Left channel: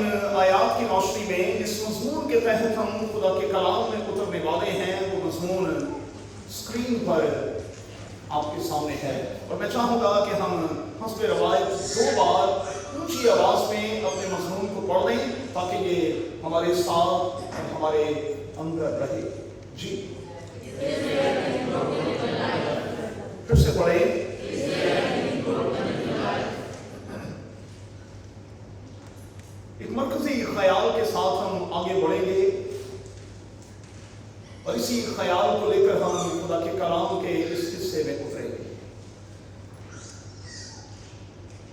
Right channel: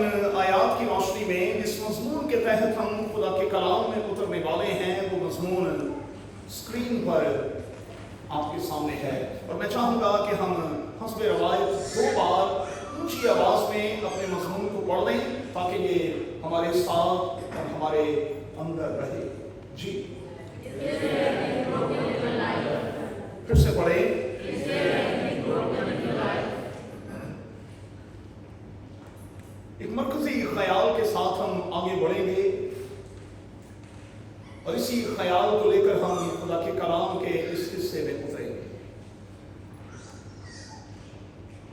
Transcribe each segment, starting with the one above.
इन आयात की रोशनी में जिस मजमून के तहत हम खुदा के कलाम में उतरने वाले हैं, वो मजमून स्क्रीन पर आपके सामने है। और मैं चाहूँगा कि हम हस्बे रवायत 2 बार ऊंची आवाज़ में अपने मजमून को पढ़ लें, ताकि ये हमारे साथ और हमारे अंदर रहे। जी, फिर से पढ़े। एक मरकजी ख्याल के साथ हम आगे बढ़ेंगे और इसी ख्याल को लेकर हम खुदा के कलाम के इस हिस्से में उतरेंगे।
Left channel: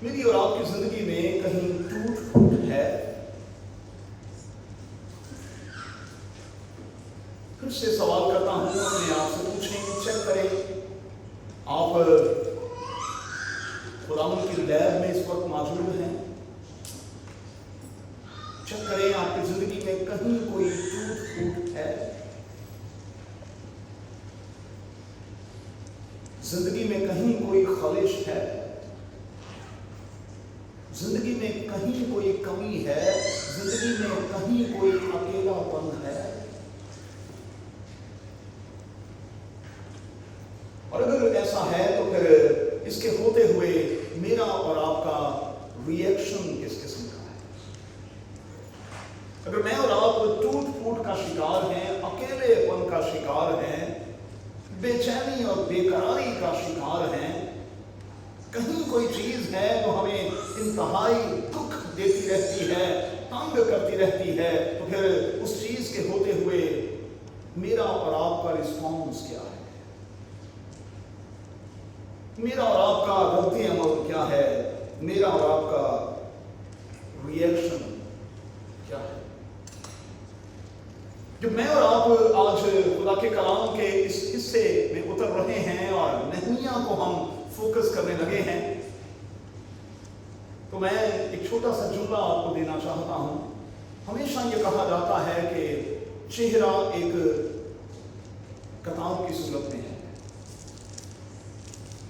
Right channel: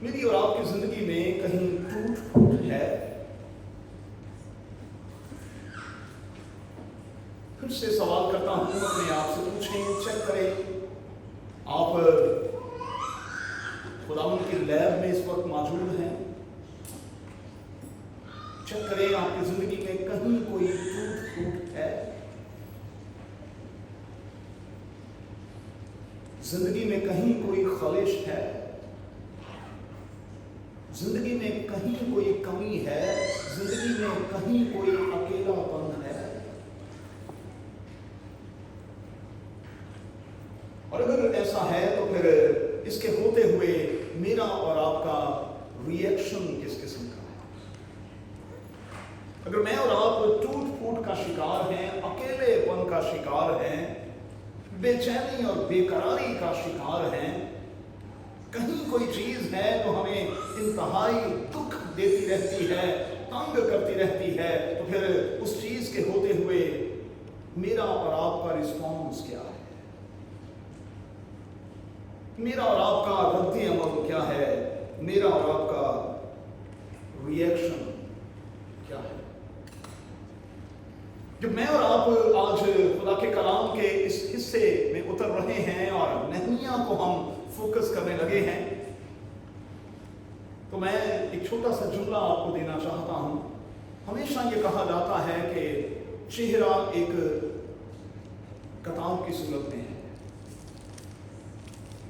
मेरी और आपकी जिंदगी में कहीं टूट फूट है, फिर से सवाल करता हूं, अपने आप से पूछें, चेक करें, आप खुदावंद की लैब में इस वक्त मौजूद हैं? चेक करें आपकी जिंदगी में कहीं कोई टूट फूट है? जिंदगी में कहीं कोई खलिश है? जिंदगी में कहीं कोई कमी है? जिंदगी में कहीं कोई अकेलापन है? और अगर ऐसा है तो फिर इसके होते हुए मेरा और आपका रिएक्शन किस किस्म का है? अगर मैं और आप टूट फूट का शिकार हैं, अकेलेपन का शिकार हैं, बेचैनी और बेकरारी का शिकार हैं, कहीं कोई चीज है जो हमें इंतहाई दुख देती रहती है, तंग करती रहती है, तो फिर उस चीज के होते हुए मेरा और आपका रिस्पॉन्स क्या है? मेरा और आपका रद्द अमल क्या है? मेरा और आपका रिएक्शन क्या है? जब मैं और आप आज खुदा के कलाम के इस हिस्से में उतर रहे हैं और नहमिया को हम फोकस करने लगे हैं, तो मैं एक छोटा सा जुमला आपको देना चाहता हूं। हमेशा ये कहा जाता है कि चेहरा एक किताब की सूरत में है,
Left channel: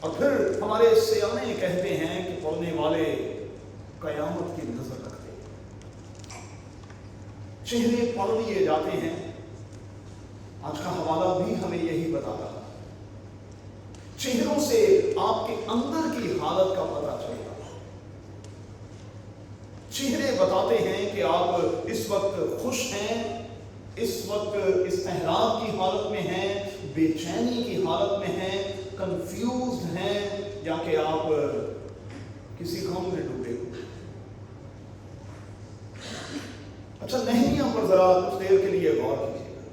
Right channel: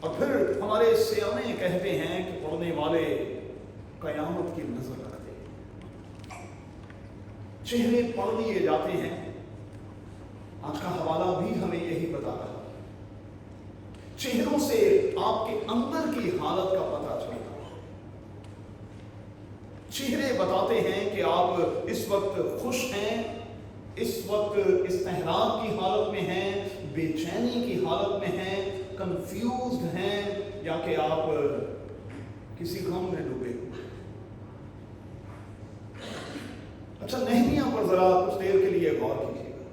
और फिर हमारे सियाने कहते हैं कि पढ़ने वाले कयामत की नजर रखते हैं। चेहरे पढ़ लिए जाते हैं। आज का हवाला भी हमें यही बता रहा है। चेहरों से आपके अंदर की हालत का पता चलता है। चेहरे बताते हैं कि आप इस वक्त खुश हैं, इस वक्त इस्तेहराब की हालत में हैं, बेचैनी की हालत में हैं, कंफ्यूज्ड हैं, या कि आप किसी गम में डूबे। अच्छा, नहमिया पर जरा कुछ देर के लिए गौर कीजिएगा।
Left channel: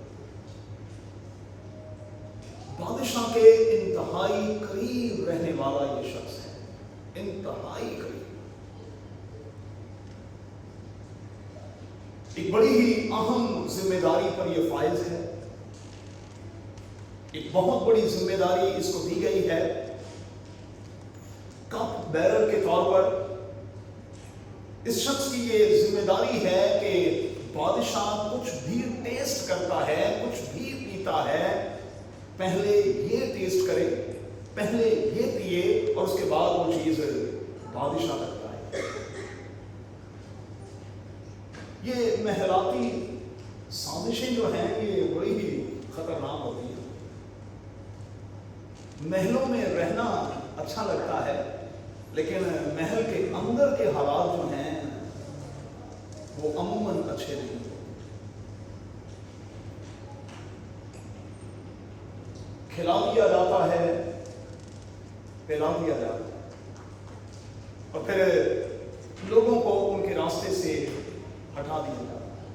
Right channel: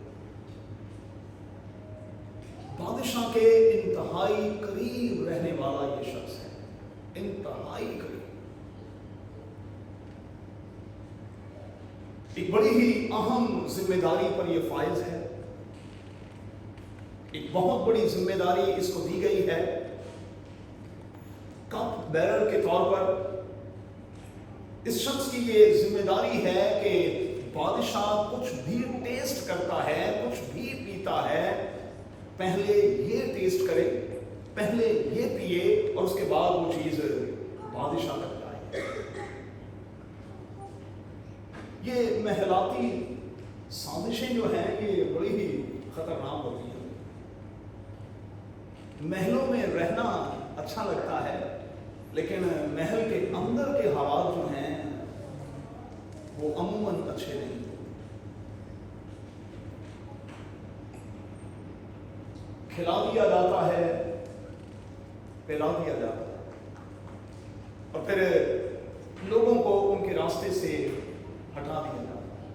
बादशाह के इंतहाई करीब रहने वाला ये शख्स है, इंतहाई करीब। एक बड़ी ही अहम जिम्मेदारी पर यह फाइज है। एक बहुत बड़ी जिम्मेदारी इसको दी गई है। कप बैरर के तौर पर इस शख्स की ये जिम्मेदारी है कि बादशाह कुछ भी टेस्ट करता है, कुछ भी पीता है, पहले ये टेस्ट करे, पहले ये पिए, और उसके बाद वो चीज बादशाह तक जाए। ये महलाती साजिशें जो हैं, ये बड़ी ही खतरनाक होती हैं। महलों में रहना अच्छा लगता है, लेकिन महल के अंदर के हालात जो हैं वो अमूमन अच्छे नहीं। खिला दिया जाता है, पिला दिया जाता है, और फिर लोगों को उनके रास्ते से हटा दिया जाता है।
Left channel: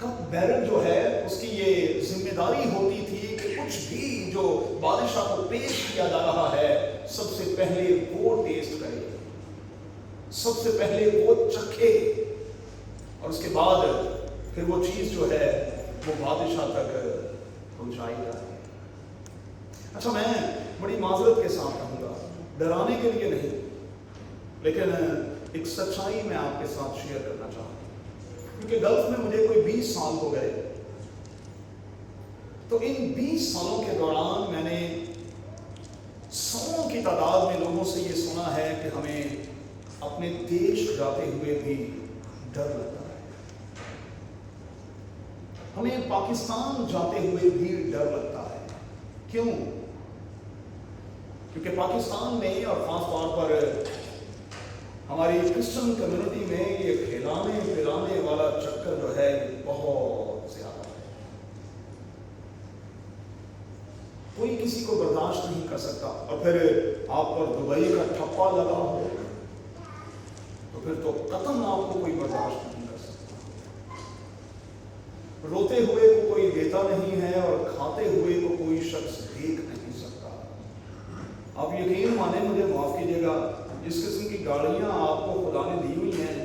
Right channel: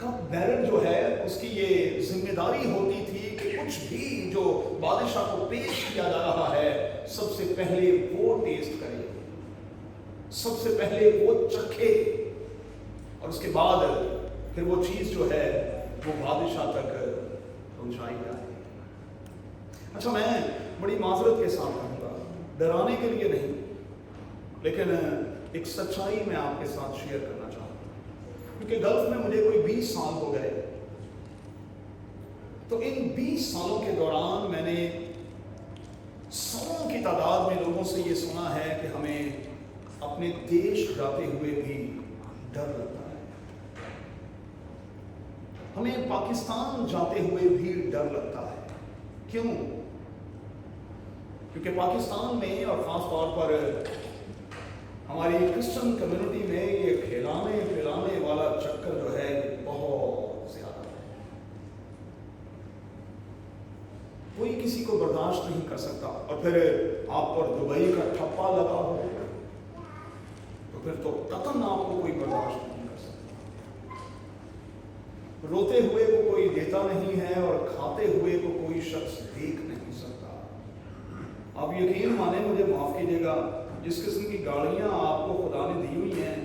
कप बैरर जो है, उसकी ये जिम्मेदारी होती थी कि कुछ भी जो बादशाह को पेश किया जा रहा है, सबसे पहले वो टेस्ट करे, सबसे पहले वो चखे, और उसके बाद फिर वो चीज जो है वो बादशाह तक पहुंचाई जाए। अच्छा, मैं बड़ी माजरत के साथ कहूँगा, डराने के लिए नहीं, लेकिन एक सच्चाई मैं आपके साथ शेयर करना चाहूँगा। क्योंकि गल्फ में मुझे कोई 20 साल हो गए, तो इन 20 सालों के दौरान मैंने सौों की तादाद में लोगों से ये सुना है कि हमें अपने देश जाते हुए भी डर लगता है। हमें पाकिस्तान जाते हुए भी डर लगता है। क्यों? क्योंकि पाकिस्तान में और खास तौर पर हमारी क्रिश्चियन कम्युनिटी में ये खिलाने पिलाने वाला चक्कर जो है बहुत ज्यादा है। कोई किसी को बर्दाश्त नहीं कर सकता, और फिर आप पर दुबई का ठप्पा लगा हो तो फिर तो कतन आपको कोई बर्दाश्त नहीं कर सकता। रोते हुए को कोई देता नहीं है और खाते हुए को कोई शख्स देख नहीं सकता। आप यकीन माने, मुझे माफ कीजिएगा, जिस किस्म की गाड़ियां आपको खुदा ने दी हुई हैं,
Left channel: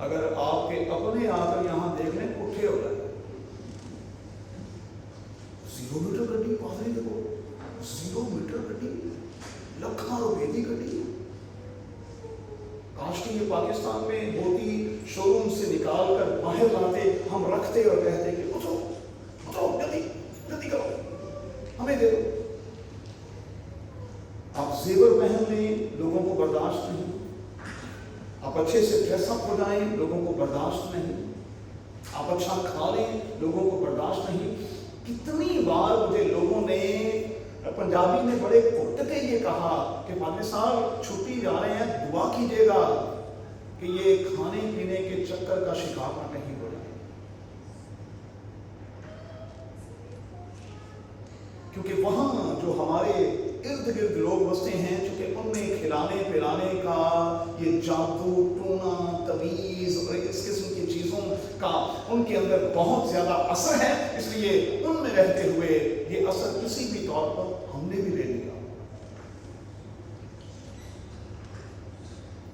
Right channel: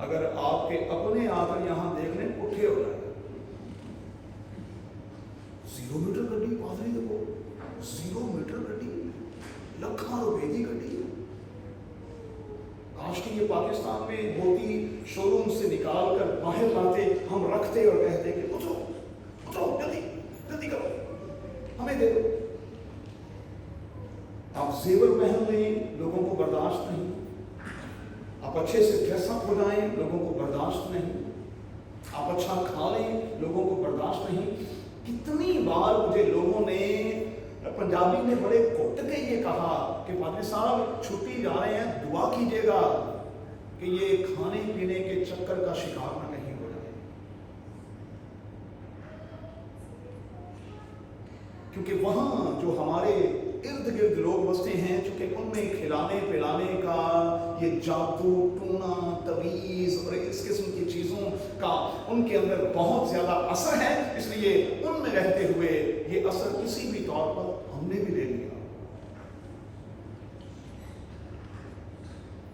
अगर आपके अपने आकर यहां देखने उठे हो जाए, 0 मीटर गड्डी पादरी देखो, 0 मीटर गड्डी, लखा रुपए की गड्डी। काश कि ये पाकिस्तान में होती, शोरूम से निकाल कर बाहर लाते, हम रखते और कहते कि उतरो उतरो, जल्दी जल्दी करो, हमें दे दो। आप जेवर पहन लें, लोगों को बर्दाश्त नहीं। आप अच्छे से ड्रेसअप हो जाएं, लोगों को बर्दाश्त नहीं। आप अच्छा खा लें, लोगों को बर्दाश्त नहीं। कितनी बार मुझे लोगों ने, पंजाबी ने बड़े घुट के ये कहा कि पादरी साहब छुट्टी जा रहे हैं, दुआ कीजिएगा कि ये खाने पीने के चक्कर का शिकार ना कहीं हो जाए, क्योंकि वहां जो हमारे इर्द गिर्द लोग बसते हैं, चूंकि उनमें खिलाने पिलाने का ये जादू टूना तवीज और इस किस्म की चीजों का उनके अंदर बहुत ज्यादा असर है, इसलिए उनमें रहते हुए ये असर किसी भी तौर पर हमने भी ले लिया।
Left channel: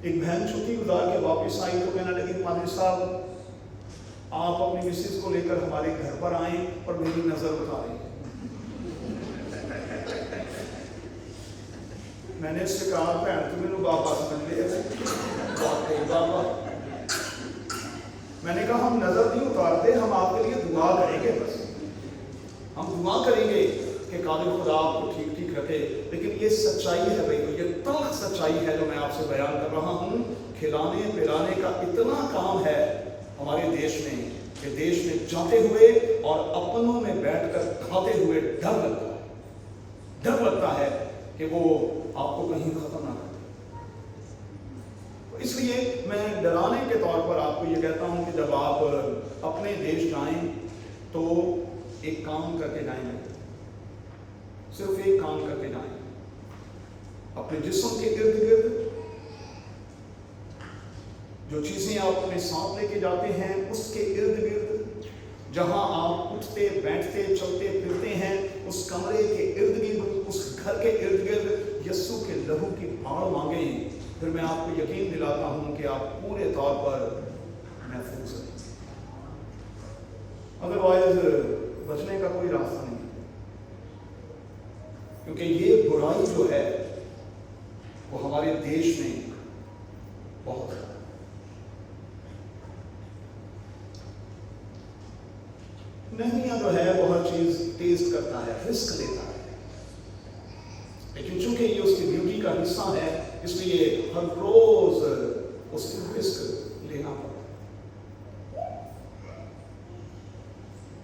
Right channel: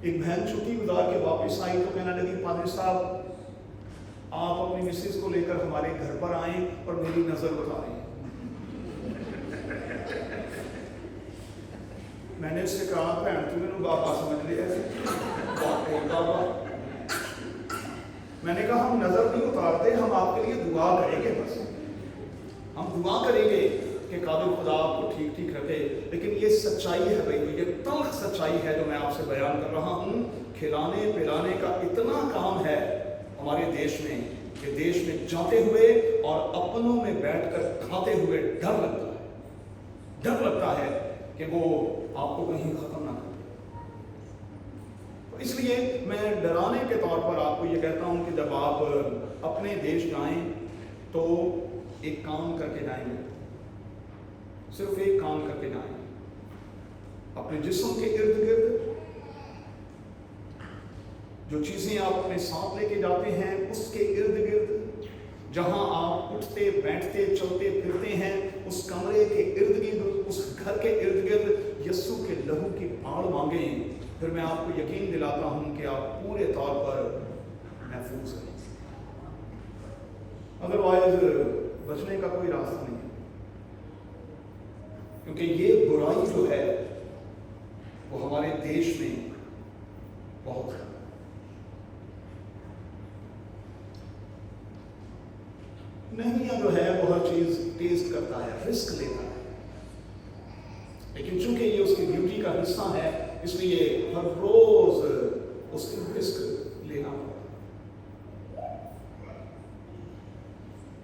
एक बहन छुट्टी गुजार के वापस आई तो कहने लगी, पादरी साहब आप अपनी मिसेज को लेकर हमारे घर पर आए और मेरी नजर उतारें। मैंने उससे कहा, भैन तू मेनू बाबा समझ लिया बाबा। मैंने कहा हम नजर नहीं उतारते, हम आपके लिए दुआ करेंगे, बस हम दुआ करेंगे कि कादिर खुदा आपको ठीक ठीक रखे। लेकिन ये सच्चाई है भाई, ये तल्ख सच्चाई है जो मैं आपसे बयान कर रहा हूँ। खिलाने पिलाने का इतना काम है हमारे देश में कि देश में जाते हुए और अपनों में बैठकर खाते हुए डर लगता है। डर लगता है कि वो आपको कहीं खत्म ना कर दे। तो इसलिए मैं डराने के तौर पर आपको ये कहता हूं कि जब आप अपने देश जाएं तो एक काम करके जाएंगे, सिर्फ एक काम करके जाएं। अपने जिस्म के इर्द गिर्द जो चीजें आप अपने साथ लेके जाते हैं, उसके इर्द गिर्द जहां आप उठते बैठते चलते फिरते हैं, उस कमरे के इर्द गिर्द, उस घर के इर्द गिर्द यस्सु के लहू की बाढ़ मांगे। फिर मैं आपको यकीन दिलाता हूं कि आप पूरे तौर पर महफूज रहेंगे। अदरवाइज बचने का कोई रास्ता नहीं है, क्योंकि ये बुराई जो है वो हमारे देश में बहुत है। नहीं जो है वो हर चीज टेस्ट करता है, रिस्क लेता है, लेकिन चूंकि ये उसकी ड्यूटी का हिस्सा है, इसलिए हर रोज उसकी रिस्क लेना होगा।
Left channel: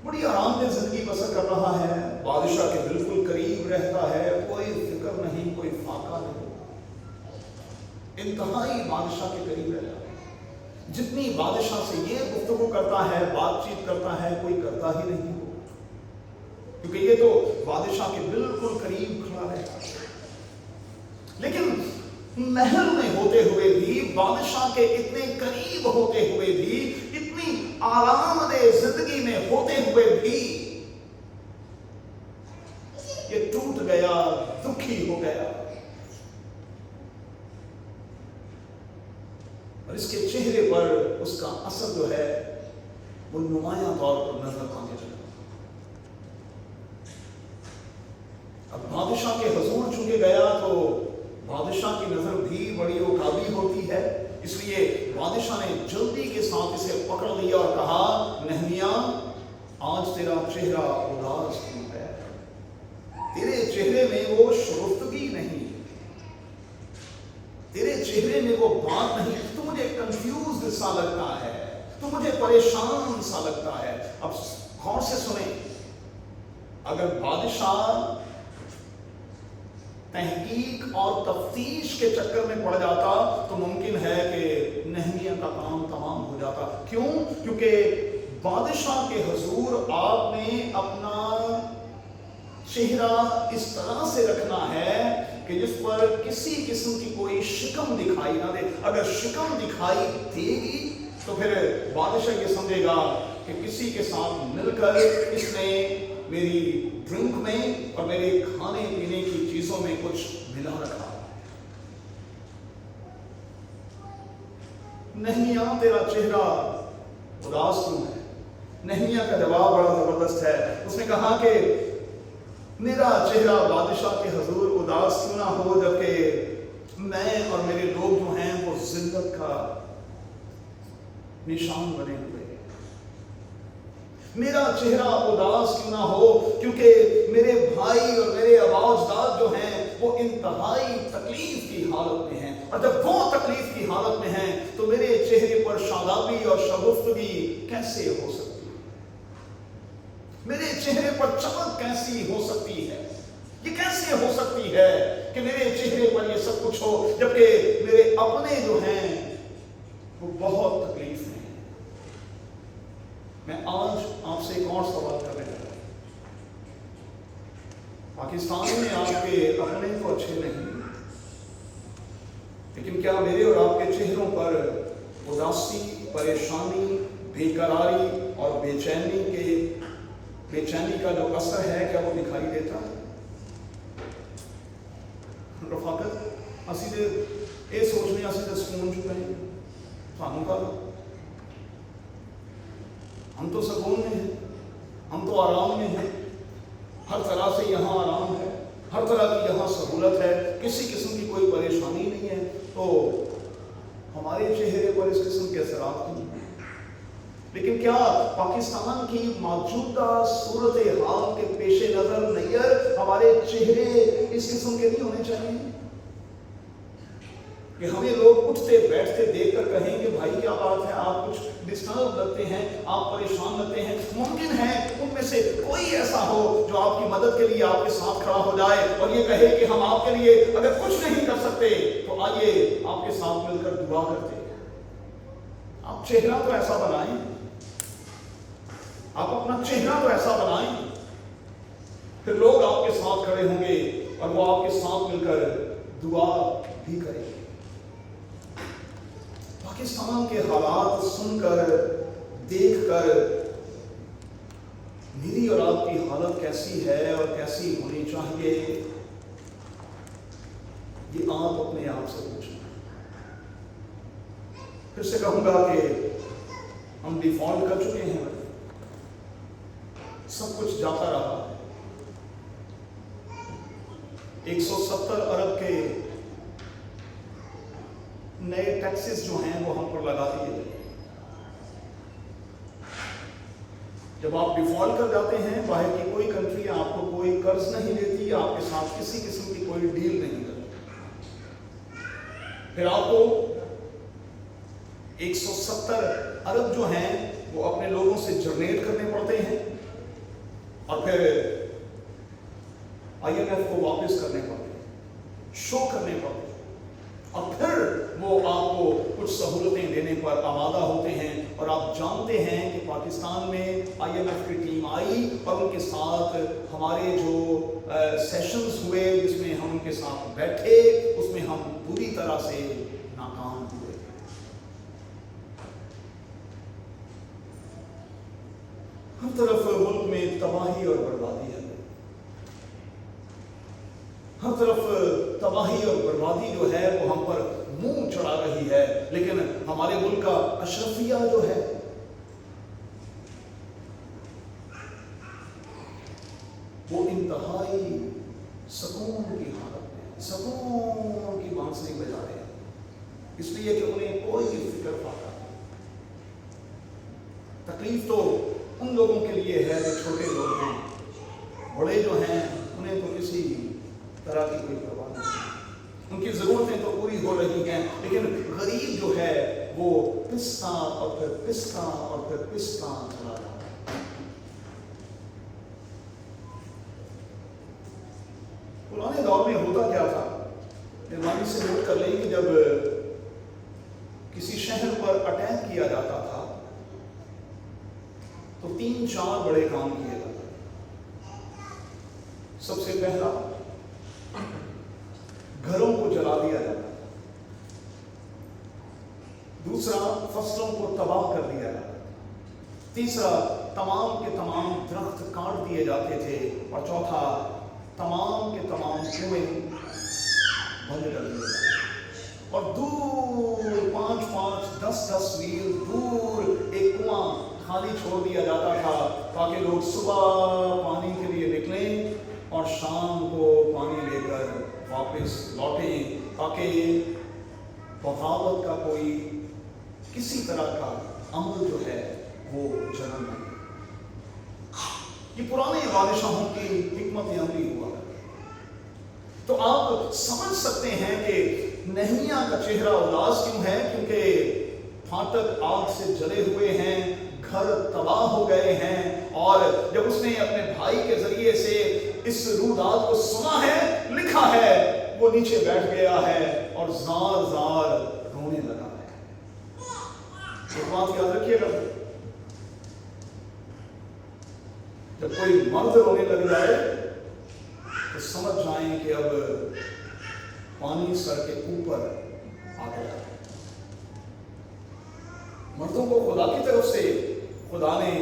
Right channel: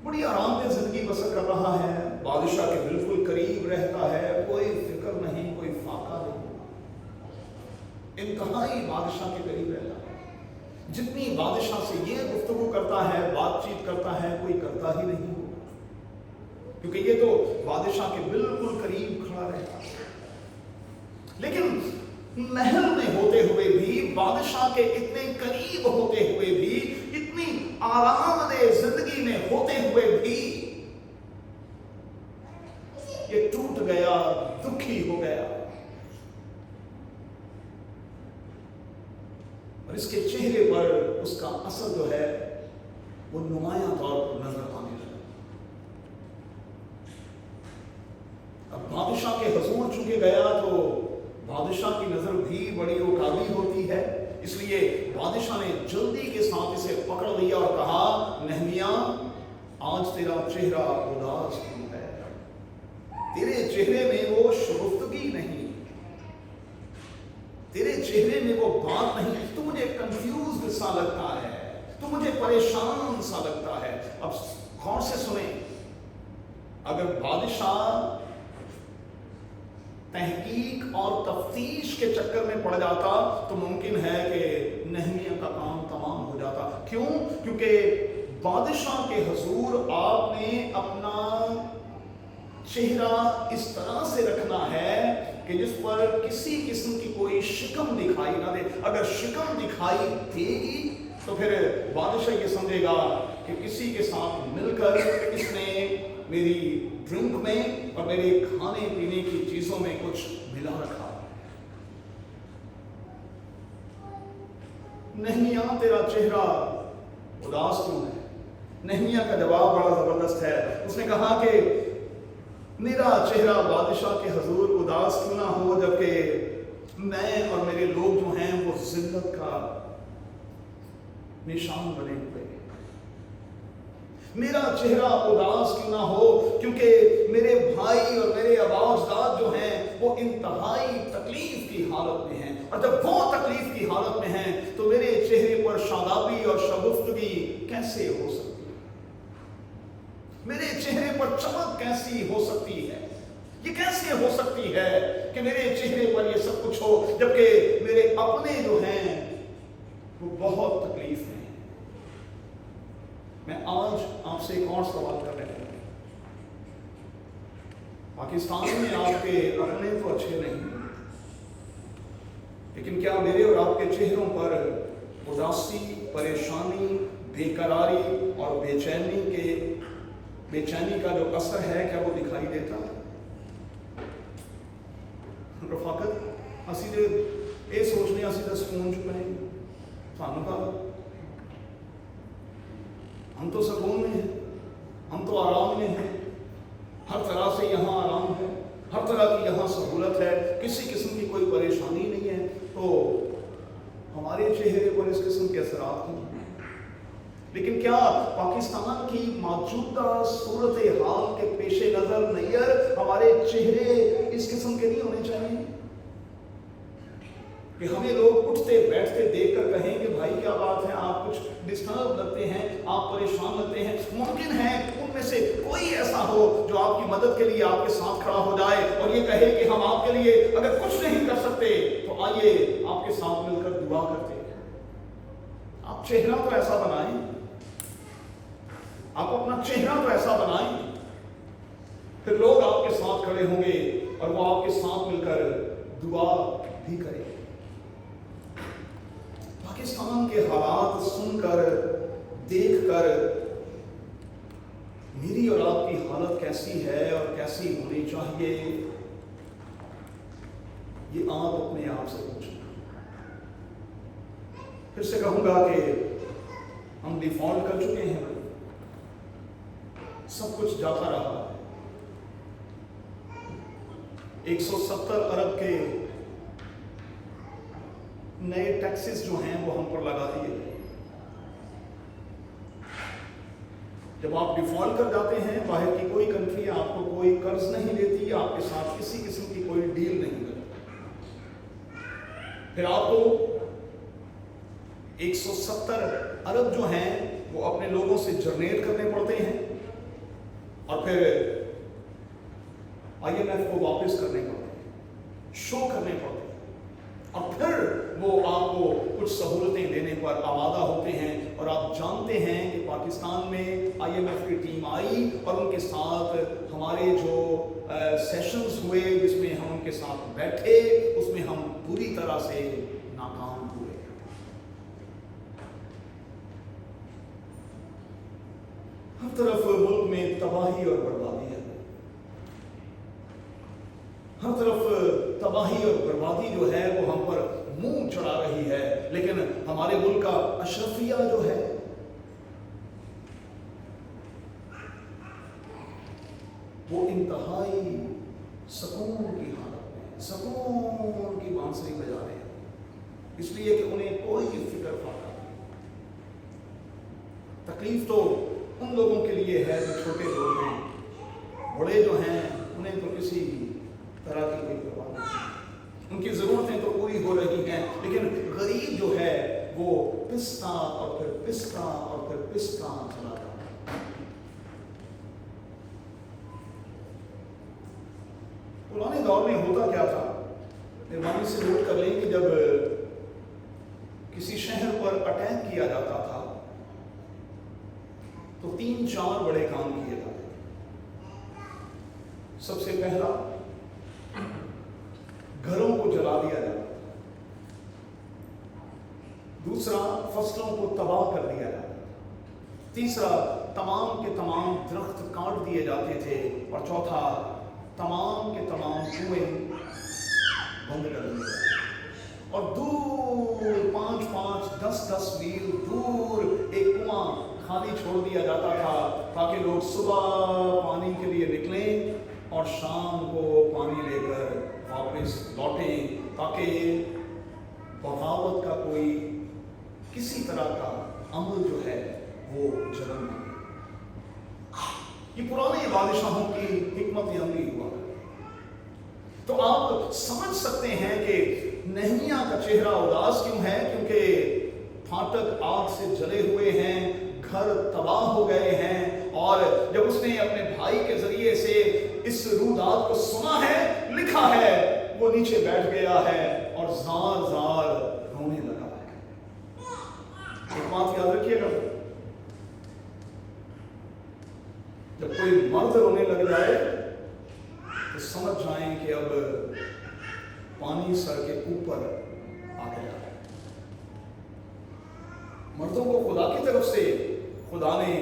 बड़ी आराम से जिंदगी बसर कर रहा है, बादशाह के बिल्कुल करीब रहता है, कोई फिक्र नहीं, कोई फाका नहीं, इंतहाई बादशाह के करीब रहता है। जितनी बादशाह से ये गुफ्तगू करता है, बातचीत करता है, कोई करता ही नहीं, क्योंकि ये तो बादशाह के बिल्कुल करीब खड़ा रहता है। लेकिन महल में होते हुए भी, बादशाह के इतने करीब होते हुए भी, इतनी आरामदेह जिंदगी में होते हुए भी ये टूट गया, दुखी हो गया, और इसके चेहरे पर उसका असर जो है वो नुमायां तौर पर नजर आने लगा। अब बादशाह के हुजूर चुके गया तो बादशाह की नजर भी बड़ी उकाबी होती है, इसलिए बादशाह ने जल्दी के साथ इसे पकड़ लिया और कहा, नहमिया आज तेरा चेहरा उदास क्यों है? तेरे चेहरे में वो शुरुफ्तगी नहीं, तेरे चेहरे में वो बात नहीं, सा लगता है, तो मुझे परेशान सा लगता है। अब गौर से सुने, अगर बादशाह तहकीक और तफ्तीश के चक्कर में पड़ जाता तो मुमकिन है कि नहमिया का काम तमाम हो जाता। क्यों? क्योंकि बादशाह के हुजूर आपने अपना चेहरा इस तरह से रखना है कि जिस पर किसी किस्म की कोई शिकम दिखाई ना दे। अगर शिकम दिखाई देगी तो फिर बादशाह ये समझेगा कि किसी के साथ मिलकर इसने मेरी ड्रिंक में और मेरे खाने पीने की चीजों में कुछ मिला रखा है। नहमिया, तेरा चेहरा उदास क्यों है? नहमिया का जवाब बड़ा जबरदस्त है। उसने कहा कि मेरा चेहरा बादशाह के हुजूर उदास क्यों ना हो, जबकि मैं और मेरे लोग जो हैं वो जिल्लत का निशान बने हुए हैं। मेरा चेहरा उदास क्यों ना हो, क्योंकि मेरे भाई और मेरे आबाजदाद जो हैं वो इंतहाई तकलीफ की हालत में हैं, और जब वो तकलीफ की हालत में हैं तो मेरे चेहरे पर शादाबी और शगुफ्तगी कैसे हो सकती है? मेरे चेहरे पर चमक कैसी हो सकती है? ये कैसे हो सकती है कि मेरे चेहरे पर ये सब कुछ हो, जबकि मेरे अपने जो हैं वो बहुत तकलीफ में हैं। मैं आज आपसे एक और सवाल करने लगा। पाकिस्तान में आपके अपने तो अच्छे नहीं, लेकिन क्या मेरे और आपके चेहरों पर उदासी, परेशानी, बेकरारी और बेचैनी का जो असर है, क्या वो दिखाई देता है? रफाकत असी तो ये सोचने असी तो सुकून चुके हैं, सानू का हम तो सुकून में हैं, हम तो आराम में हैं, हर तरह से यहाँ आराम है, हर तरह की यहाँ सहूलत है, किसी किस्म की कोई परेशानी नहीं है, तो हमारे चेहरे पर इस किस्म के असरात क्यों? लेकिन क्या पाकिस्तान की मौजूदा सूरत हाल के पेश नजर नैयर हमारे चेहरे इस किस्म के नहीं होने चाहिए कि हमें लोग उठते बैठते देखकर कहें कि भाई क्या बात है, आप कुछ डिस्टर्ब लगते हैं, आप परेशान लगते हैं? मुमकिन है उनमें से कोई ऐसा हो जो आपकी मदद के लिए आपके साथ खड़ा हो जाए और ये कहे कि हम आपके लिए अगर कुछ नहीं कर सकते तो आइए आपके साथ मिलकर दुआ करते हैं। आप चेहरा तो ऐसा बनाएं, आप अपना चेहरा तो ऐसा बनाएं, फिर लोग आपके साथ खड़े होंगे और वो आपके साथ मिलकर दुआ भी करेंगे। पाकिस्तान के हालात सुनकर, देखकर मेरी और आपकी हालत कैसी है और कैसी होनी चाहिए, ये आप अपने आप से पूछें। फिर से कहूंगा कि हम डिफॉल्ट कर चुके हैं, सब कुछ जाता रहा है। 170 अरब के नए टैक्सेस जो हैं वो हम पर लगा दिए गए। जब आप डिफॉल्ट कर जाते हैं, बाहर की कोई कंट्री आपको कोई कर्ज नहीं देती, आपके साथ किसी किस्म की कोई डील नहीं करती, फिर आपको 170 अरब जो हैं वो अपने लोगों से जनरेट करने पड़ते हैं और फिर IMF को वापस करने पड़ते हैं, शो करने पड़ते हैं, और फिर वो आपको कुछ सहूलतें देने पर आमादा होते हैं। और आप जानते हैं कि पाकिस्तान में IMF की टीम आई और उनके साथ हमारे जो सेशंस हुए जिसमें हम उनके साथ बैठे, उसमें हम पूरी तरह से नाकाम हुए। हर तरफ मुल्क में तबाही और बर्बादी है, हर तरफ तबाही और बर्बादी जो है वो हम पर मुंह चढ़ा रही है, लेकिन हमारे मुल्क का अशरफिया जो है वो इंतहाई सुकून की हालत में, सुकून की बांसुरी बजा रहे हैं, इसलिए कि उन्हें कोई फिक्र फाका नहीं। तकलीफ तो उन लोगों के लिए है जो छोटे लोग हैं, बड़े जो हैं उन्हें तो किसी तरह की कोई परवाह नहीं। उनकी ज़रूरतें तो पूरी हो रही हैं, लेकिन गरीब जो है वो पिसता और फिर पिसता और फिर पिसता चला जाता है। पुराने दौर में होता क्या था, मेहरबानी से नोट कर लें कि जब किसी शहर पर अटैक किया जाता था तो 3-4 बड़े काम किए जाते। सबसे पहला, घरों को जला दिया जाता, दूसरा फसलों को तबाह कर दिया जाता, तीसरा तमाम के तमाम दरख्त काट दिए जाते थे, और चौथा तमाम के तमाम कुएं बंद कर दिए जाते। और दूर 5-5, 10-10 मील दूर एक कुआं खाली छोड़ दिया जाता था ताकि लोग सुबह पानी के लिए निकलें और शाम को पानी लेकर वापस लौटें, ताकि बगावत का कोई किसी तरह का अमल जो है वो जन्म ले। ये पुराने बादशाहों की हिकमत अमली हुआ। तो आप समझ सकते हैं कि नहमिया का चेहरा उदास क्यों है, क्योंकि फाटक आग से जले हुए हैं, घर तबाह हो गए हैं, और जब उसने अपने भाई के जरिए से इस रुदात को सुना है, लिखा है, वो नीचे बैठ गया है और जार जार रोने लगा है। एक बात याद रखिएगा, जब कोई मर्द रोने लग जाए तो समझ जाएं कि अब पानी सर के ऊपर आ गया है। मर्दों को खुदा की तरफ से खुदा ने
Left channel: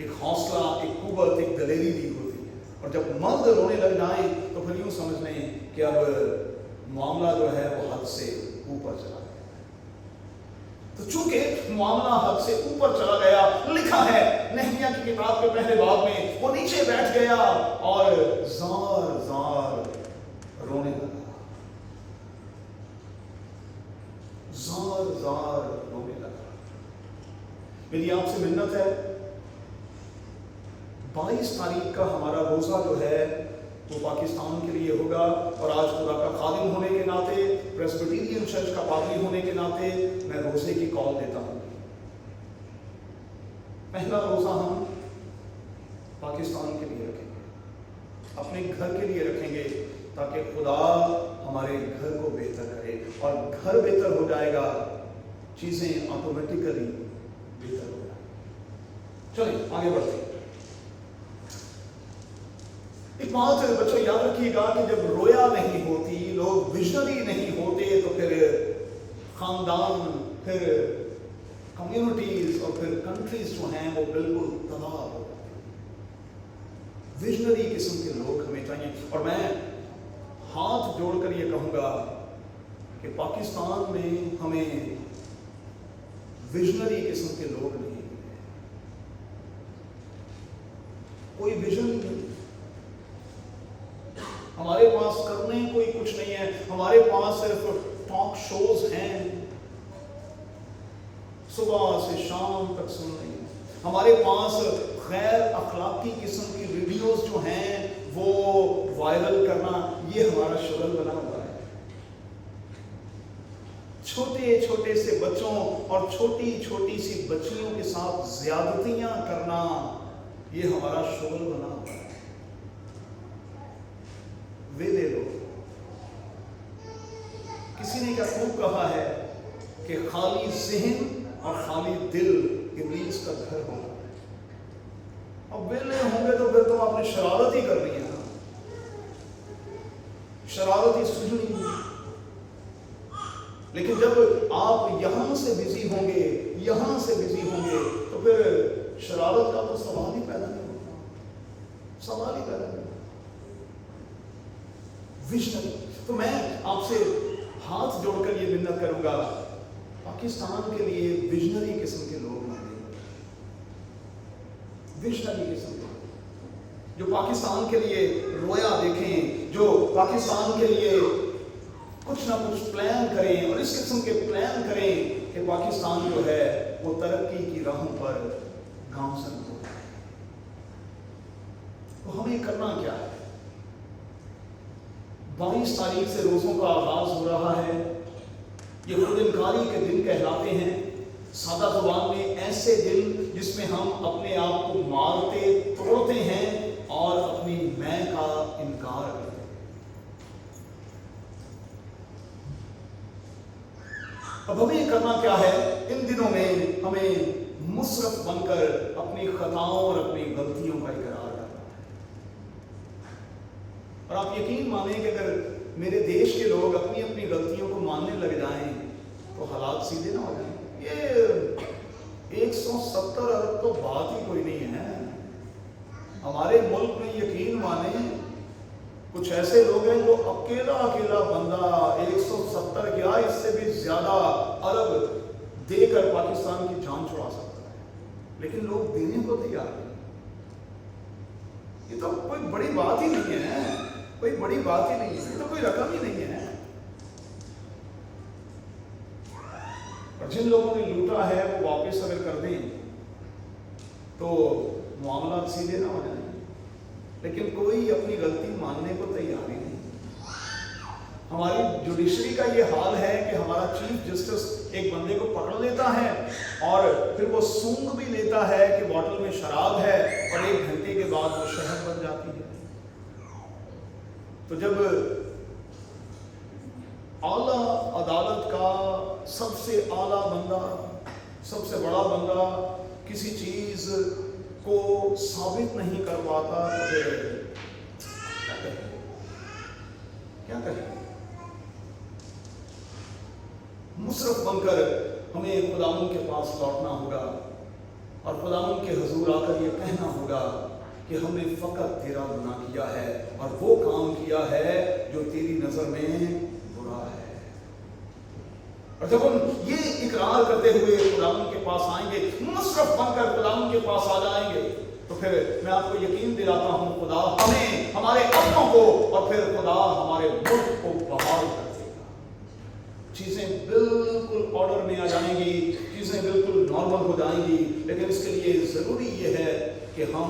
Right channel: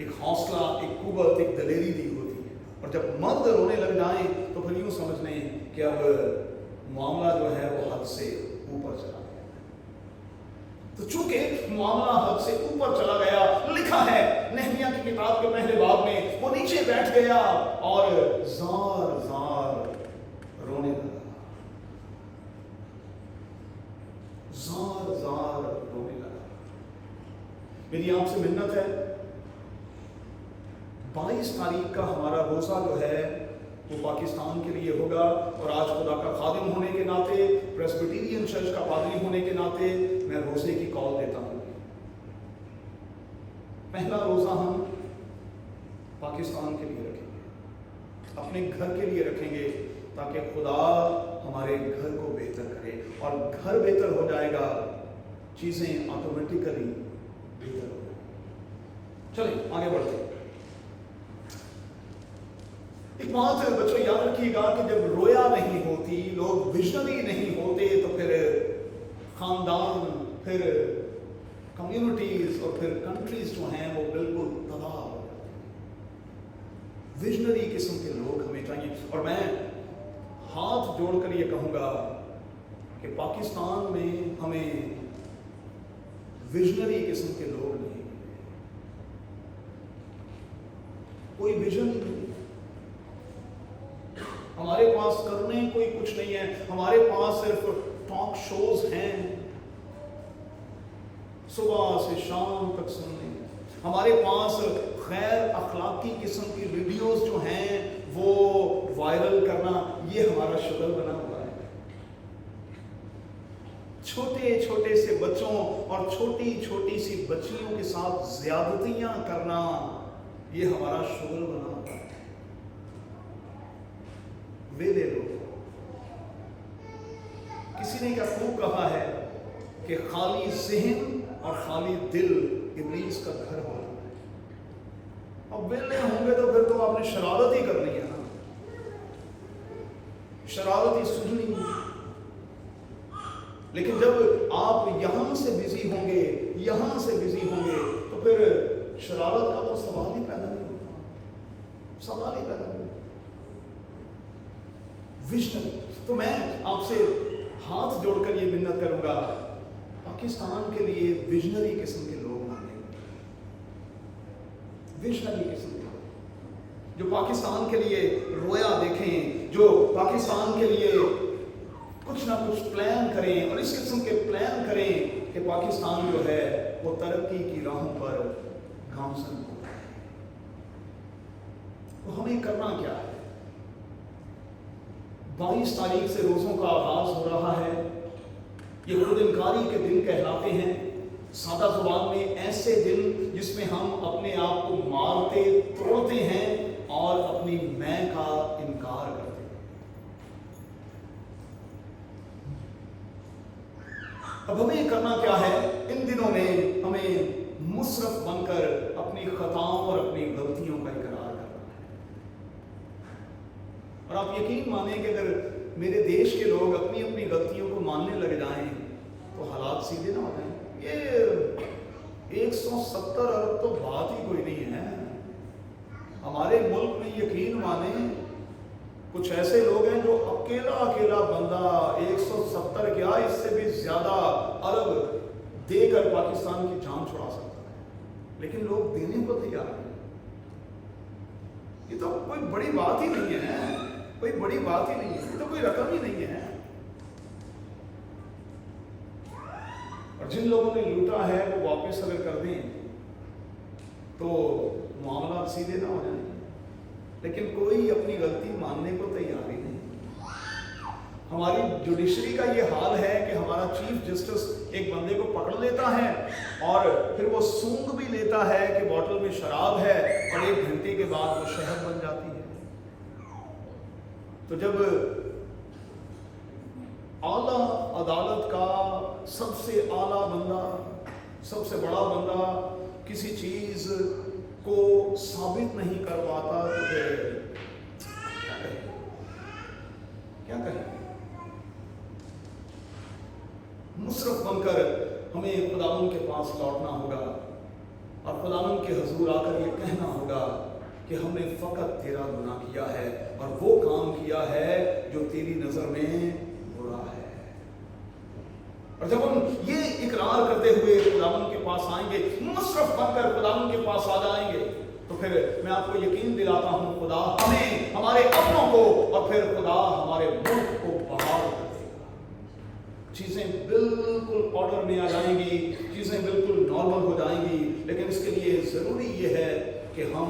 एक हौसला, एक कुव्वत, एक दलेरी दी होती है, और जब मर्द रोने लग जाएं तो फिर यूं समझ लें कि अब मामला जो है वो हद से ऊपर चला गया। तो चूंकि मामला हद से ऊपर चला गया, लिखा है नहमिया की किताब के पहले बाब में, वो नीचे बैठ गया और जार जार रोने लगा, जार जार रोने लगा। मेरी आपसे मिन्नत है, 22 तारीख का हमारा रोजा जो है वो पाकिस्तान के लिए होगा, और आज खुदा का खादिम होने के नाते, प्रेस्बिटेरियन चर्च का पादरी होने के नाते मैं रोजे की कॉल देता हूँ। पहला रोजा हम पाकिस्तान के लिए रखेंगे, अपने घर के लिए रखेंगे, ताकि खुदा हमारे घर को बेहतर करे, और घर बेहतर हो जाएगा, चीजें ऑटोमेटिकली बेहतर हो जाएगी। चलिए आगे बढ़ते हैं। एक बात बच्चों याद रखिएगा कि जब रोया नहीं होती, लोग विजनरी नहीं होते, तो फिर खानदान, फिर कम्युनिटीज और फिर कंट्रीज जो हैं वो बिल्कुल तबाह हो जाती हैं। विजनरी किस्म के लोग हमें चाहिए, और मैं हाथ जोड़कर ये कहूँगा कि पाकिस्तान में हमें विजनरी किस्म के लोग नहीं मिले, कोई विजन नहीं, हमारे पास करने कोई कुछ नहीं है, हमारे पास सिर्फ टॉक शोज हैं, सुबह से शाम तक सुनने, हमारे पास गैर अखलाकी किस्म की वीडियोस जो हैं वो वायरल करना, ये हमारा शुगल बना हुआ है। छोटे छोटे से बच्चों और छोटी छोटी सी बच्चियों के साथ ज्यादतियां करना, ये हमारा शुगल बना हुआ है। वेले लोग, किसी ने क्या खूब कहा है कि खाली ज़हन और खाली दिल इब्लीस का घर होता है। अब वेले होंगे तो फिर तो आपने शरारत ही करनी है ना, शरारत ही सूझनी है। लेकिन जब आप यहां से बिजी होंगे, यहां से बिजी होंगे, तो फिर शरारत का तो सवाल ही पैदा नहीं होगा, सवाल ही पैदा नहीं होगा। विजनरी, तो मैं आपसे हाथ जोड़कर ये मिन्नत करूंगा, पाकिस्तान के लिए विजनरी किस्म के लोग मांगे, विजनरी किस्म के लोग जो पाकिस्तान के लिए रोया देखें, जो पाकिस्तान के लिए कुछ ना कुछ प्लान करें, और इस किस्म के प्लान करें कि पाकिस्तान जो है वो तरक्की की राहों पर गामजन हो जाए। तो हमें करना क्या है? 22 तारीख से रोज़ों का आगाज़ हो रहा है। ये खुद इनकारी के दिन कहलाते हैं। सादा ज़ुबान में ऐसे दिन जिसमें हम अपने आप को मारते तोड़ते हैं और अपनी मैं का इनकार करते हैं। अब हमें करना क्या है? इन दिनों में हमें मुसरफ बनकर अपनी खताओं और अपनी गलतियों का इकरार करना है। और आप यकीन माने कि अगर मेरे देश के लोग अपनी अपनी गलतियों को मानने लग जाएं तो हालात सीधे ना हो जाएं। ये 170 अरब तो बात ही कोई नहीं है। हमारे मुल्क में यकीन माने कुछ ऐसे लोग हैं जो अकेला अकेला बंदा 170 क्या इससे भी ज्यादा अरब देकर पाकिस्तान की जान छुड़ा सकता है, लेकिन लोग देने को तैयार नहीं। ये तो कोई बड़ी बात ही नहीं है, कोई बड़ी बात ही नहीं है, ये तो कोई रकम ही नहीं है। और जिन लोगों ने लूटा है वो वापस अगर कर दें तो मामला सीधे ना हो जाए, लेकिन कोई अपनी गलती मानने को तैयार ही नहीं। हमारी जुडिशरी का ये हाल है कि हमारा चीफ जस्टिस एक बंदे को पकड़ लेता है और फिर वो सूंघ भी लेता है कि बोतल में शराब है और 1 घंटे के बाद वो शहद बन जाती है। तो जब आला अदालत का सबसे आला बंदा, सबसे बड़ा बंदा किसी चीज को साबित नहीं कर पाता तो फिर क्या कहें? मुसरफ बनकर हमें खुदावंद के पास लौटना होगा और खुदावंद के हुजूर आकर ये कहना होगा कि हमने फकत तेरा गुनाह किया है और वो काम किया है जो तेरी नजर में बुरा है। और जब हम ये इकरार करते हुए खुदावंद के पास आएंगे, मुसरफ बनकर खुदावंद के पास आ जाएंगे, तो फिर मैं आपको यकीन दिलाता हूं खुदा हमें, हमारे अपनों को और फिर खुदा हमारे मुल्क को बहाल कर देगा। चीजें बिल्कुल ऑर्डर में आ जाएंगी, चीजें बिल्कुल नॉर्मल हो जाएंगी, लेकिन इसके लिए जरूरी ये है कि हम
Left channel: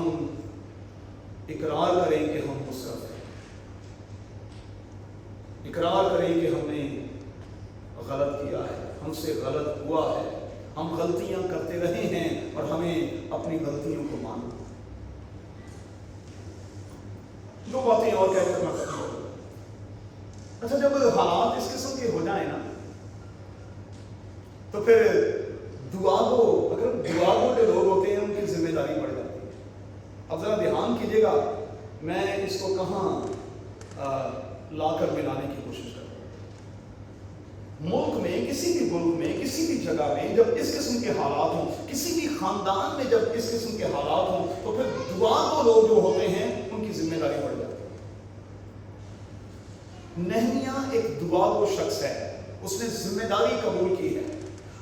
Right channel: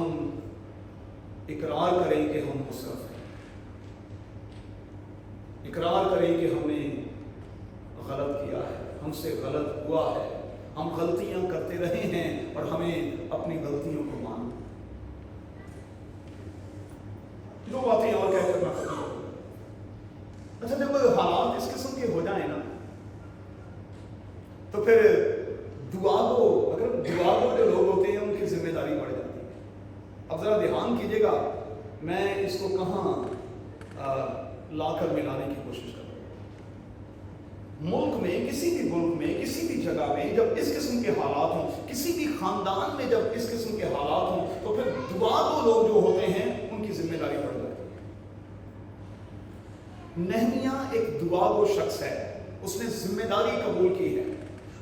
इकरार करें कि हम मुसरफ हैं, इकरार करें कि हमने गलत किया है, हमसे गलत हुआ है, हम गलतियां करते रहे हैं और हमें अपनी गलतियों को मानना। 2 बातें और क्या करना खत्म हो। अच्छा, जब हालात इस किस्म के हो जाए ना तो फिर दुआगो, अगर दुआगो जो लोग होते हैं उनकी जिम्मेदारी बढ़ जाती है। अब जरा ध्यान कीजिएगा, मैं इसको कहाँ लाकर मिलाने की कोशिश कर रहा हूं। मुल्क में, किसी भी मुल्क में, किसी भी जगह में जब इस किस्म के हालात हों, किसी भी खानदान में जब इस किस्म के हालात हों, तो फिर दुआगो लोग जो होते हैं उनकी जिम्मेदारी बढ़ जाती है। नहमिया एक दुआगो शख्स है, उसने जिम्मेदारी कबूल की है।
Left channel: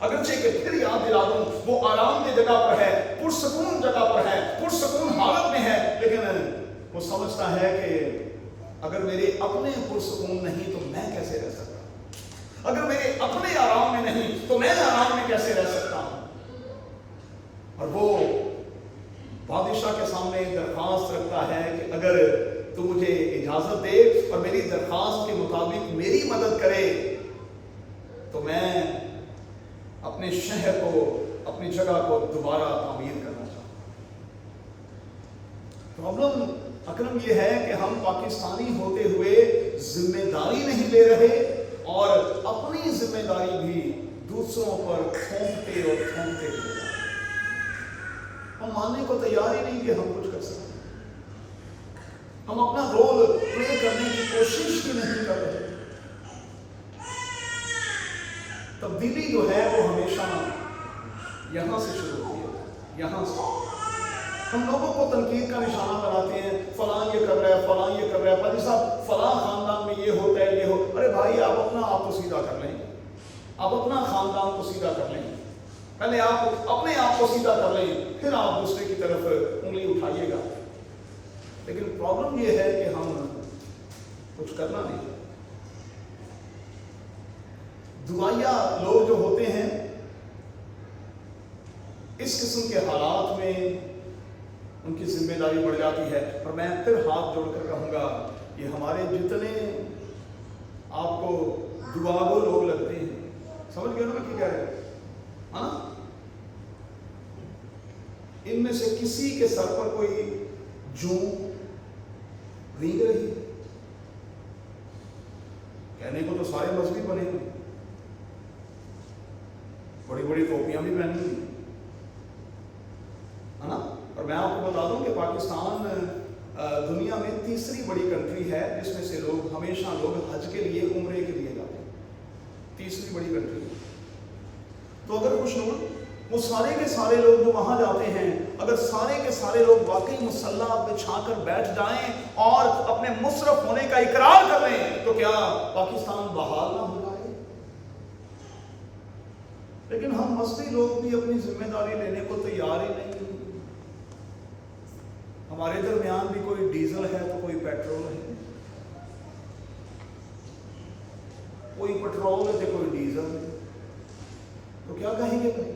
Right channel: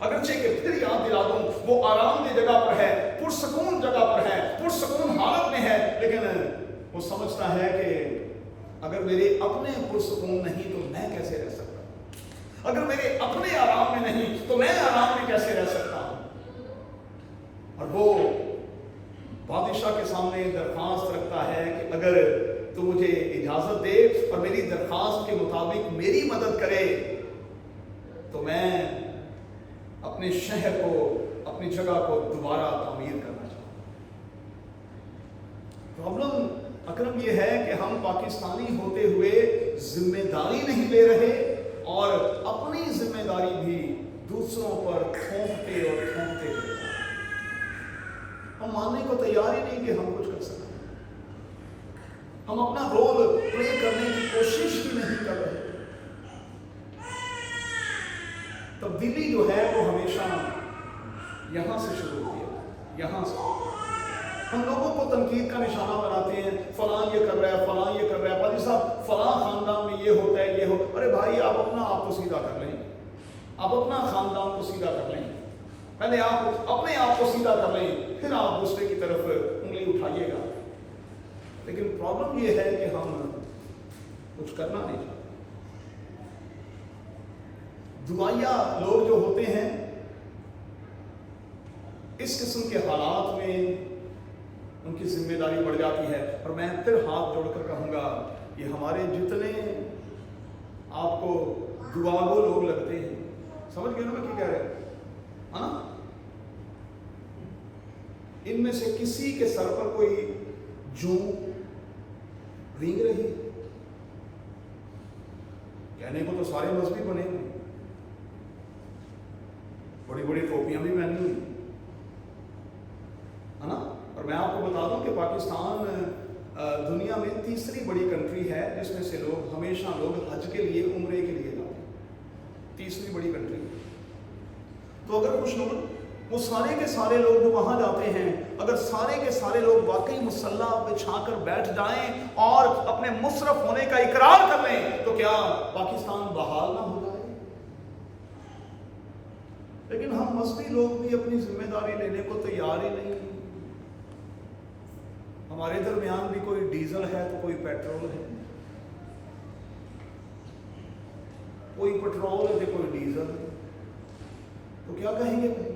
अगरचे कि फिर याद दिला दूं, वो आरामदेह जगह पर है, पुरसकून जगह पर है, पुरसकून हालत में है, लेकिन वो समझता है कि अगर मेरे अपने पुरसकून नहीं तो मैं कैसे रह सकता, अगर मेरे अपने आराम में नहीं तो मैं आराम में कैसे रह सकता हूं। और वो बादशाह के सामने दरख्वास्त रखता है कि अगर तू मुझे इजाजत दे और मेरी दरख्वास्त के मुताबिक मेरी मदद करे तो मैं अपने शहर को, अपनी जगह को दोबारा तामीर करना चाहता हूं। प्रॉब्लम अकरम यह है कि हम पाकिस्तानी होते हुए जिम्मेदारी नहीं ले रहे और अपनी जिम्मेदारी भी दूसरों पर थोपते और थोपते हैं। हम मानने को तैयार ही नहीं कि हम कुछ कर सकते, हम अपना रोल प्ले करने की कोशिश ही नहीं कर रहे। तब्दीली जो है वो हमेशा यहां से शुरू होती है, यहां से। हम लोगों को तनकीद का निशाना बनाते हैं, फलां ये कर रहा है, फलां ये कर रहा है, पाजी साहब फलां खानदान में ये होता है, ये हो। अरे भाई, आप अपना आप तो सीधा कर लें, आप अपना खानदान को सीधा कर लें, पहले आप अपने आप को सीधा कर लें, फिर आप दूसरे की तरफ उंगली उठाइएगा। लेकिन प्रॉब्लम ये है कि हम कुछ करना नहीं। दुआया लोग जो होते हैं इस किस्म के हालात में उनकी जिम्मेदारी बढ़ जाती है। और मैं फिर हाथ जोड़कर कहूंगा, ये हमारे जितने दुआगो लोग लगते हैं। समझ गए ना मैं क्या कह रहा हूं, है ना? इनमें से किसी के सर पर कोई जूं रेंग रही है? कहने को तो सारे मजहबी बने हुए, बड़ी बड़ी टोपियां भी पहनी हुई, है ना? और मैं आपको बता दूं कि पाकिस्तान दुनिया में तीसरी बड़ी कंट्री है जिसमें से लोग हमेशा हज के लिए, उम्रे के लिए जाते हैं। तीसरी बड़ी कंट्री है। तो अगर कुछ लोग, वो सारे के सारे लोग जो वहां जाते हैं, अगर सारे के सारे लोग वाकई मुसल्ला बिछाकर बैठ जाएं और अपने मुशर्रफ होने का इकरार कर लें, तो क्या पाकिस्तान बहाल ना हो जाए? लेकिन हम मजहबी लोग भी अपनी जिम्मेदारी लेने को तैयार ही नहीं। हमारे दरमियान भी कोई डीजल है तो कोई पेट्रोल है, कोई पेट्रोल है तो कोई डीजल है। तो क्या कहेंगे भाई?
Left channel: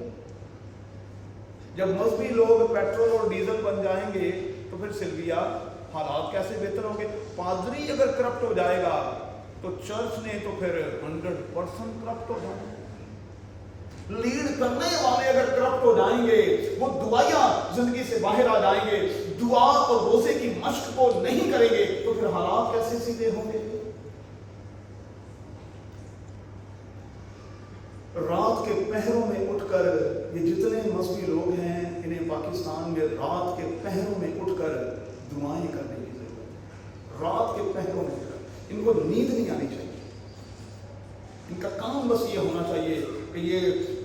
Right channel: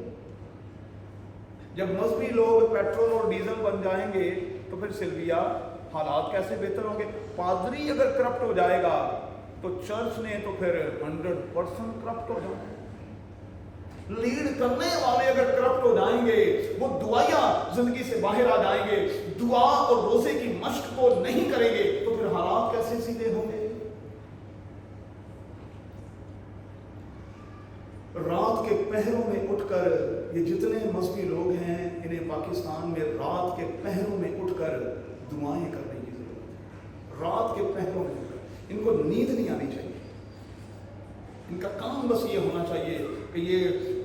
जब मजहबी लोग पेट्रोल और डीजल बन जाएंगे तो फिर सिल्विया हालात कैसे बेहतर होंगे? पादरी अगर करप्ट हो जाएगा तो चर्च ने तो फिर 100% करप्ट हो जाएगा। लीड करने वाले अगर करप्ट हो जाएंगे, वो दुआया जिंदगी से बाहर आ जाएंगे, दुआ और रोजे की मश्क को नहीं करेंगे, तो फिर हालात कैसे सीधे होंगे? रात के पहरों में उठकर, ये जितने मजहबी लोग हैं, इन्हें पाकिस्तान में रात के पहरों में उठकर दुआएं करने की जरूरत है। रात के पहरों में उठकर, इनको नींद नहीं आनी चाहिए। इनका काम बस ये होना चाहिए कि ये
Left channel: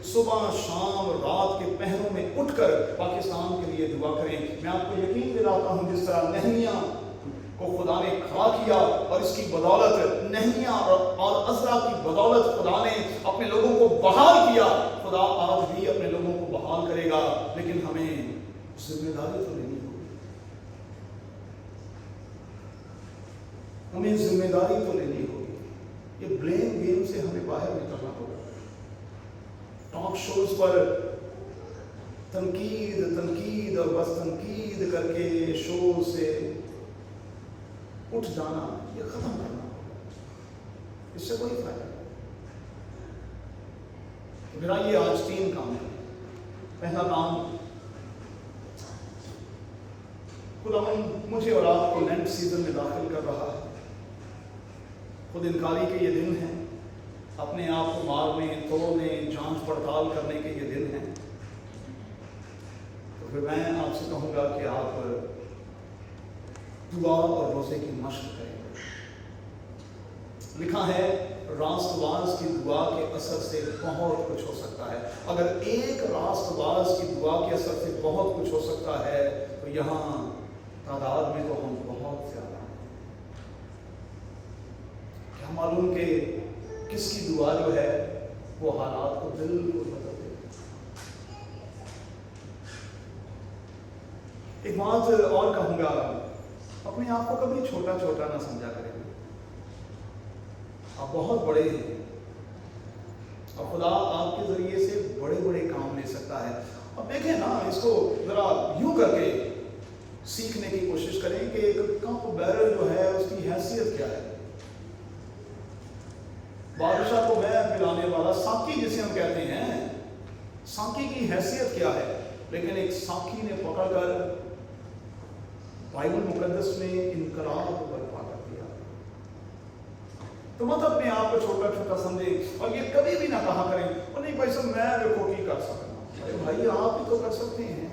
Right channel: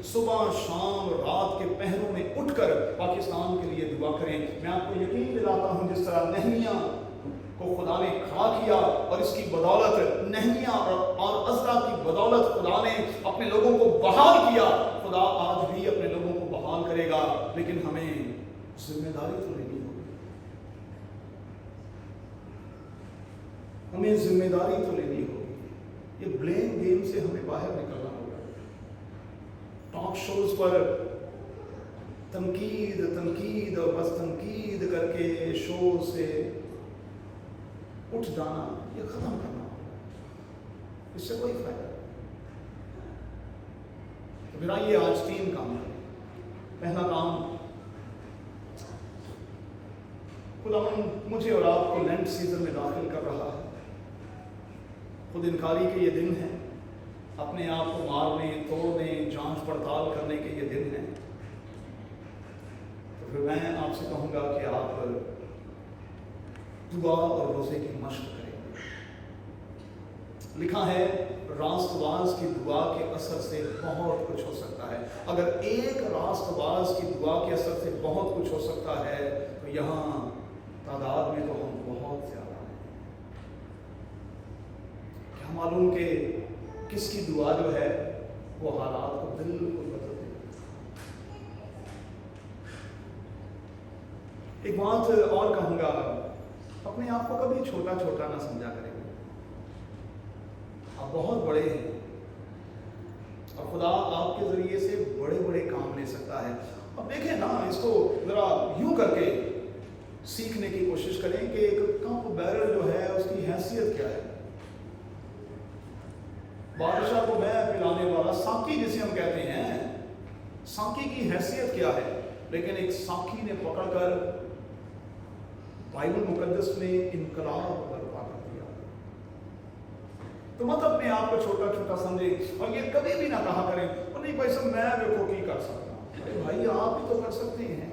सुबह शाम रात के पहरों में उठकर पाकिस्तान के लिए दुआ करें। मैं आपको यकीन दिलाता हूँ, जिस तरह नहमिया को खुदा ने खड़ा किया और इसकी बदौलत, नहमिया और अज़रा की बदौलत खुदा ने अपने लोगों को बहाल किया, खुदा आज भी अपने लोगों को बहाल करेगा। लेकिन हमें जिम्मेदारी तो लेनी होगी, हमें जिम्मेदारी तो लेनी होगी। ये ब्लेम गेम से हमें बाहर निकलना होगा। टॉक शोज पर तनकीद और बस तनकीद करके शो से उठ जाना, ये खत्म करना, इससे कोई फायदा नहीं। तो मेरा ये आज 3 काम करें। पहला काम, खुदा मुझे और आपको लेंट सीजन में दाखिल कर रहा है। खुद इनकारी के ये दिन हैं, अपने आप को मारने, तोड़ने, जांच पड़ताल करने के ये दिन हैं। तो फिर मैं आपसे कहूँगा कि आप दुआ और रोज़े की मशक करें। लिखा है, रास्तबाज की दुआ के असर से बहुत कुछ हो सकता है। अगर एक रास्तबाज की दुआ के असर से बहुत कुछ हो सकता है, तो यहाँ तादाद में तो हम बहुत ज़्यादा हैं। क्या मालूम कि किसकी दुआ जो है वो हालात को बिल्कुल बदल देती है। एक बात और कहूँगा, अपने आप को कभी छोटा छोटा ना समझा करें। आप बहुत बड़े हैं और खुदा आपके जरिए से बड़े बड़े काम ले सकता है। अब देखें ना, इसको जरा यूं करके सीखने की कोशिश करें कि एक कप बैरल जो है उसकी हैसियत क्या है। बादशाह को मैं पिलाने वाला साकी जिसे हम कहते हैं, साकी की हैसियत क्या है? लेकिन एक साकी ने पकड़कर बाइबल मुकद्दस में इनकलाब बर्पा कर दिया। तो मत अपने आप को छोटा छोटा समझे और ये कभी भी ना कहा करें, और नहीं भाई साहब मैं देखो की कर सकता हूँ। अरे भाई, आप ही तो कर सकते हैं,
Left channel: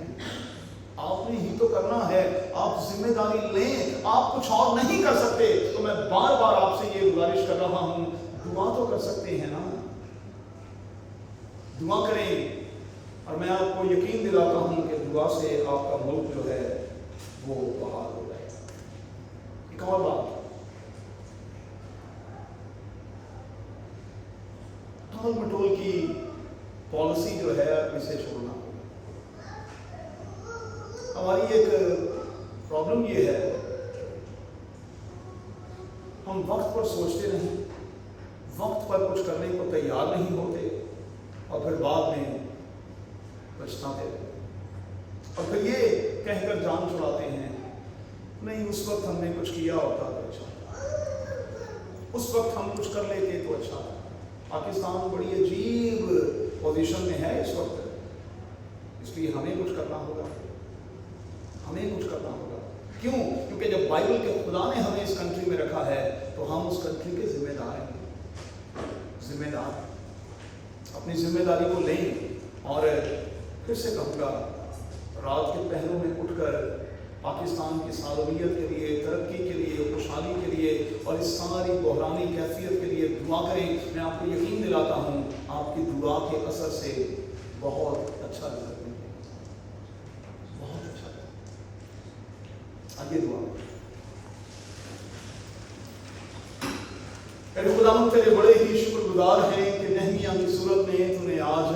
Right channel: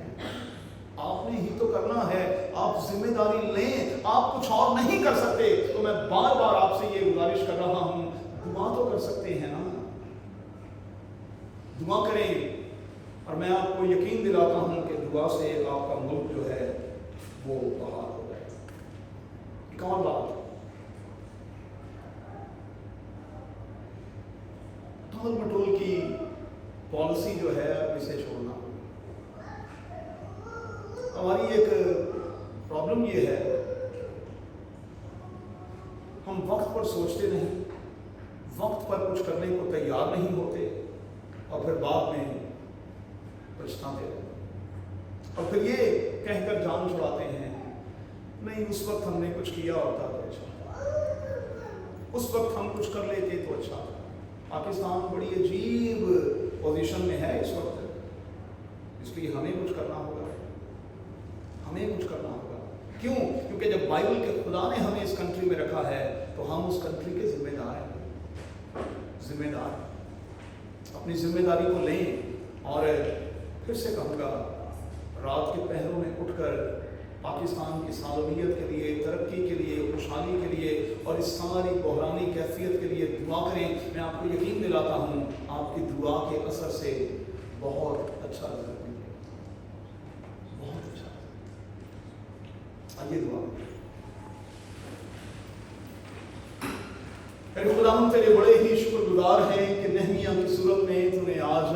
आपने ही तो करना है। आप जिम्मेदारी लें, आप कुछ और नहीं कर सकते। तो मैं बार बार आपसे ये गुजारिश कर रहा हूँ, दुआ तो कर सकते हैं ना, दुआ करें। और मैं आपको यकीन दिलाता हूँ कि दुआ से आपका मुल्क जो है वो बहाल हो जाएगा। एक और बात, टाल मटोल की पॉलिसी जो है इसे छोड़ना होगा। हमारी एक प्रॉब्लम ये है, हम वक्त पर सोचते नहीं, वक्त पर कुछ करने को तैयार नहीं होते और फिर बाद में पछताते हैं। और फिर ये कहकर जान छुड़ाते हैं, नहीं उस वक्त हमने कुछ किया होता तो अच्छा, उस वक्त हम कुछ कर लेते तो अच्छा था। पाकिस्तान बड़ी अजीब पोजीशन में है इस वक्त, इसलिए हमें कुछ करना होगा, हमें कुछ करना होगा। क्यों? क्योंकि जब बाइबल के खुदा ने हमें इस कंट्री में रखा है तो हम उस कंट्री के जिम्मेदार हैं, जिम्मेदार। अपनी जिम्मेदारी को लें और फिर से कहूँगा, रात के पहरों में उठकर पाकिस्तान की सालवियत के लिए, तरक्की के लिए, खुशहाली के लिए और इस सारी बहरानी कैफियत के लिए दुआ करें। मैं आपको यकीन दिलाता हूँ आपकी दुआ के असर से बहुत अच्छा रिजल्ट मिलेगा, बहुत अच्छा। आइए दुआ करें। अरे खुदावंद तेरे बड़े ही शुक्रगुजार हैं कि नहमिया की सूरत में तूने आज